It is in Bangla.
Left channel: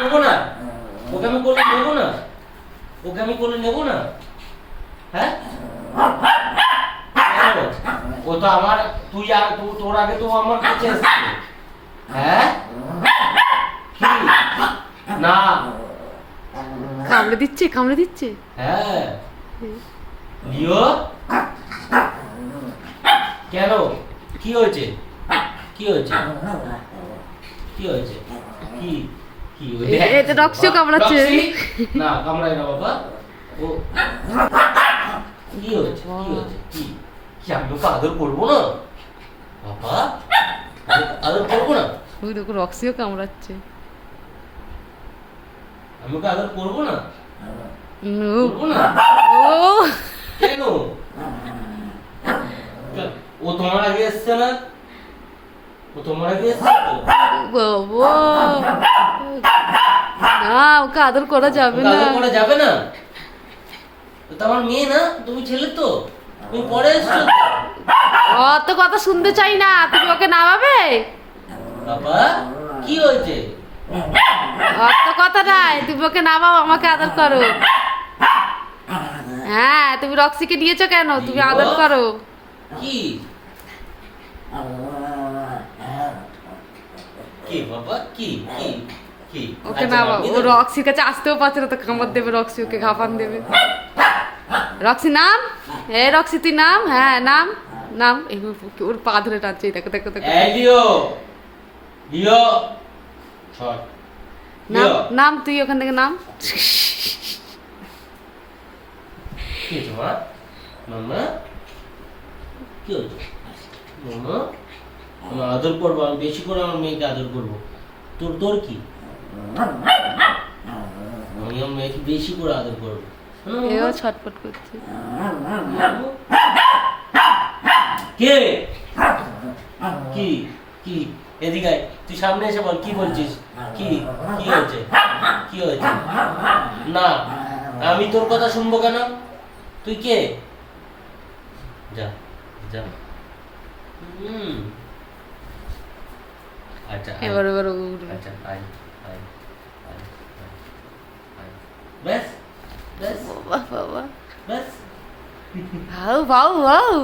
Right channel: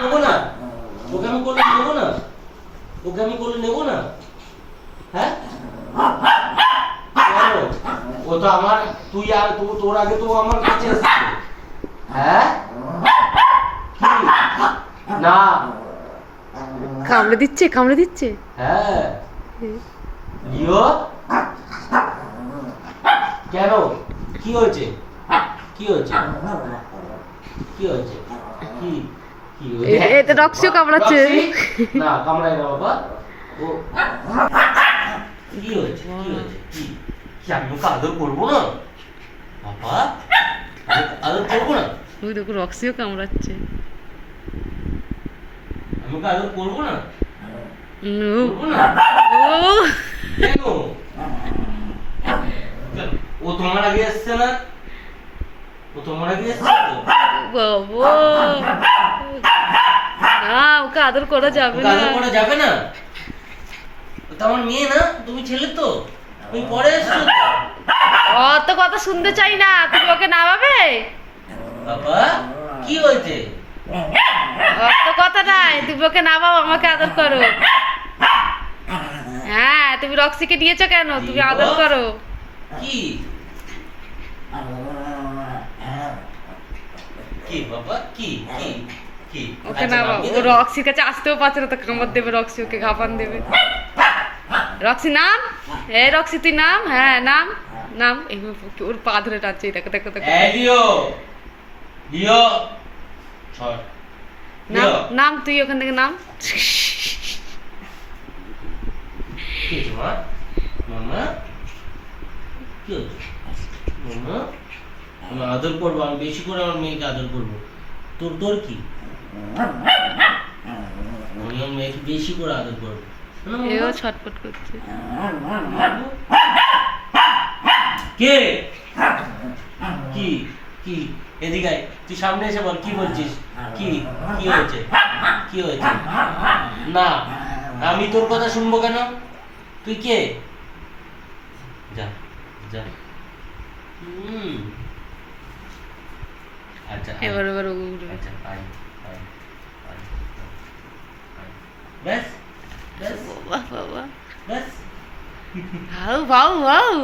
নেবো না, ওকে আমি কোলে নেবো না, ওকে আমি কোলে নেবো না। হ্যাঁ কেন? ও তো আমার, তুই আর তোর আগে তো আমার কাছে এসেছে। হ্যাঁ কি? না কামড়ে দিচ্ছে, কামড়ে দিচ্ছে। হ্যাঁ লিও, কেন? কি হয়েছে? কি হয়েছে? কি হয়েছে? কি কি এটা রক্সিও কামড়াচ্ছে। না কামড়ায় না বাবা। ও কি হয়েছে? কি হয়েছে? কি কি আমি ওকে আদর করবো না বাবা? আদর করবো না? ওই দেখো রক্সিও কামড়াচ্ছে। আমি ওকে আদর করবো না? নো। করবো না? ও কেন? ও তোমার আগে এসছে না? ও তোমার আগে এসছে তো? বাবা, না ওকে আদর করা যাবে ওকে না। আদর করা যাবে না? ও তো আমার মেয়ে না, তুমি ছেলে তো, তুমি পরে এসছো তো। অত কথা শুনতে চাই না, তুমি ওকে নামাবে। বাবা কি হয়েছে? অত কথা নাই, তুমি ওকে নামাও, আমাকে আদর করো। হ্যাঁ, তুমি রক্সিকে নিয়েছো কেন? তুমি আদর করো। কি কি বাবা কি কি কি? ওকে আচ্ছা, নামাও। নামিয়ে ও দেবো? রক্সির কাছে আসতেও পারছে না, তো কামড় দেবে রক্সি, ওকে ঘাপান দেবে। রক্সি নাম, এ রক্সি তুই নাম, হ্যাঁ নাম নাম। ওর পা ধরে টানছে, এই দেখো দেখো দেখো। এই লিও, লিও সর। নাম লিও নাম, তুই ওখান থেকে নাম। কি হয়েছে মা? মামা কি হয়েছে? মামা আমি আদর করবো, আমি বেশি করে আমার মেয়েকে আদর করবো। তোর তোর কি? আমি আমার মেয়েকে বেশি করে আদর করবো। এও ছটফট করছে। কে? কি কি? এদিকে আয়, তুই সামনে এসে বল কি বলছিস? কি কি হয়েছে? কি হয়েছে? না আমি তোর কথা শুনবো কেন? তুই কে? যা যা। আচ্ছা আয়, এবার এবার ও উঠবে। আচ্ছা আয় আয় আয় আয়। ব্যাস ব্যাস বাবা বাবা, ব্যাস। ভাউ ভাউ ভাউ।